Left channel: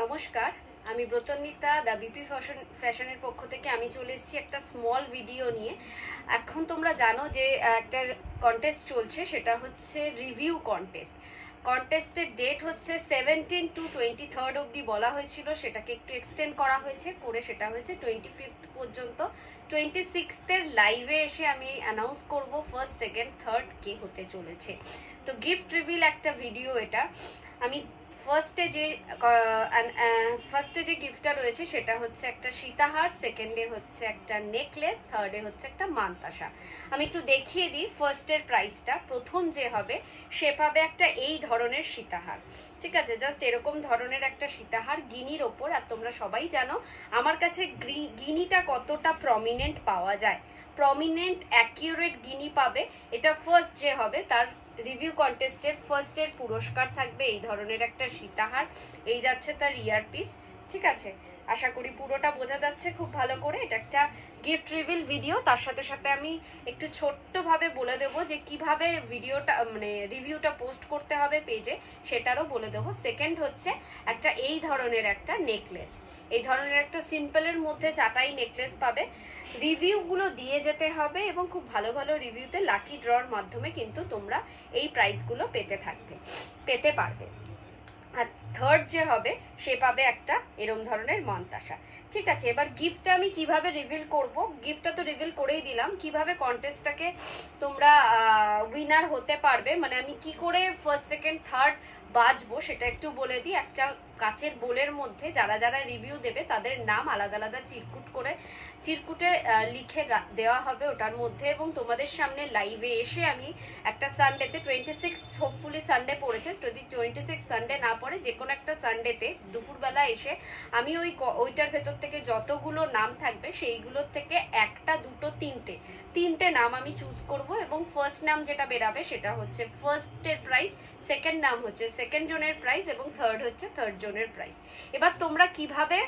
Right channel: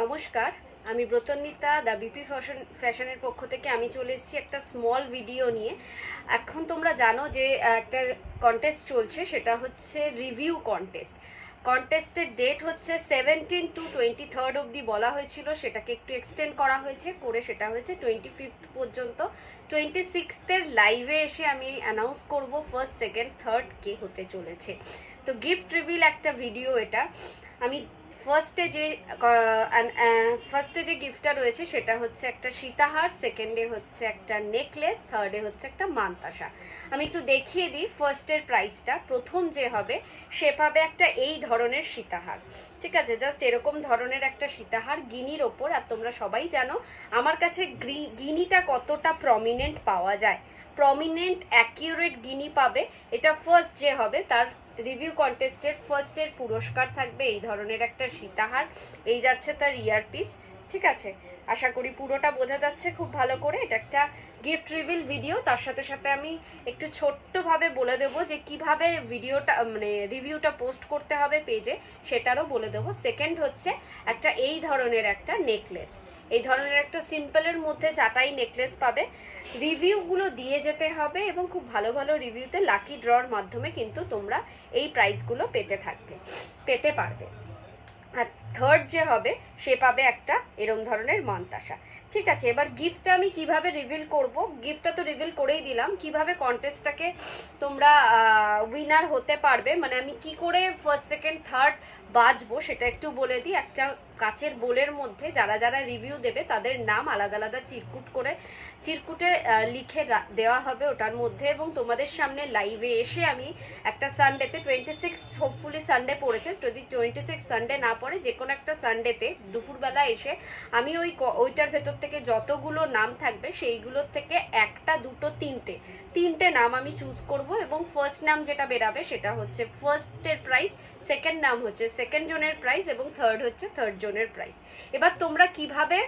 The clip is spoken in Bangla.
নমস্কার, আমি ব্রতন্বিতা দা বিপি ফ্যাশনের পক্ষ থেকে আমি চলে এসেছি একটা স্মল ভিডিও নিয়ে। এখন তোমরা জানো যে একটা কন্টেস্ট চলছে, সেটা হচ্ছে রিভিউ কন্টেস্ট। কন্টেস্টের ডেট হচ্ছে 17 to 23 অবধি বলা হয়েছিল, সেটাকে একটু এক্সটেন্ড করা হয়েছে, করে সেটা হয়েছে 25 পর্যন্ত। 26 লাইভে এসে আমি অ্যানাউন্স করব ফার্স্ট, সেকেন্ড, থার্ড কে হতে চলেছে। তো গিফট রিভিল একটা ভিডিও এটা। আমি ফার্স্টে যে গিফটটা রয়েছে সেটা হচ্ছে একটা সীতাহার, সেকেন্ডে হচ্ছে একটা নেকলেস, থার্ডে হচ্ছে একটা মান্তাসা। আমি একটু দেখিয়ে দিই ফার্স্টের প্রাইসটা। প্রথম যে হবে সে পাবে একটা এই ধরনের সীতাহার, ঠিক আছে? জাস্ট এরকম ধরনের একটা সীতাহার গিনির ওপর। আর তোমরা সবাই জানো আমার কাছে গিনিটা কতটা প্রমিনেন্ট পাওয়া যায়, প্রমিনেন্ট অ্যাকিউরেট গিনি পাবে। এটা ফার্স্ট যে হবে তার রিভিউ কন্টেস্টের ফার্স্টের পুরস্কার থাকবে এই ধরনের একটা সীতাহার। এই যাচ্ছে তার ইয়ারপিস, ঠিক আছে? আশা করি পুরোটা বোঝা যাচ্ছে খুব ভালো করে। এটা একটা গিফট রিভিল ভিডিও, তার সাথে সাথে আমি একটু ছোট্টভাবে বলে দেবো যে কিভাবে ভিডিওটা মানে রিভিউটা পোস্ট করতে হবে পেজে, সেটারও বলে দেবো। সেকেন্ড হচ্ছে একটা এই ধরনের একটা নেকলেস, এই ধরনের একটা সিম্পলের মধ্যে চাটাই নেকলেস পাবে। রিভিউগুলো দিয়ে যেতে হবে এবং খুব ভালো ভালো রিভিউতে লাকি ড্রর মাধ্যমে কিন্তু তোমরা এই প্রাইসগুলো পেতে পারবে। আর থার্ড যে হবে সে পাবে একটা এরম ধরনের মান্তাসা, ঠিক আছে? এবার গিফটটা আমি কিভাবে রিভিল করব, গিফটটা তো রিভিল করেই দিলাম। কিভাবে কন্টেস্টটাকে তোমরা উইনার হতে পারবে, মানে আমি কি করে ফার্স্ট, সেকেন্ড, থার্ড বাজবো সেটা একটু বলে দিই। একটা কাচের বোলের মধ্যে যারা যারা রিভিউ দেবে তাদের নাম আলাদা আলাদা চিরকুটে লিখে দেওয়া হবে ওটার মধ্যে। এবং তোমাদের সামনে লাইভে এসে আমি একটা সানডেতে, 26 হোপফুলি সানডে পড়েছে, যদি 26 সানডে না পড়ে যে কোনো একটা সানডেতে দুপুরবেলা এসে আমি ওইটার ভেতর থেকে যতগুলো নাম থাকবে সেইগুলোর থেকে একটা, দুটো, তিনটে নাম আমি চুজ করব। এবং ফার্স্ট নাম যেটা বেরাবে সেটা হচ্ছে ফার্স্টের প্রাইস, সেকেন্ড নাম হচ্ছে সেকেন্ড জনের প্রাইস এবং থার্ড হচ্ছে থার্ড জনের প্রাইস। এবার তোমরা কিভাবে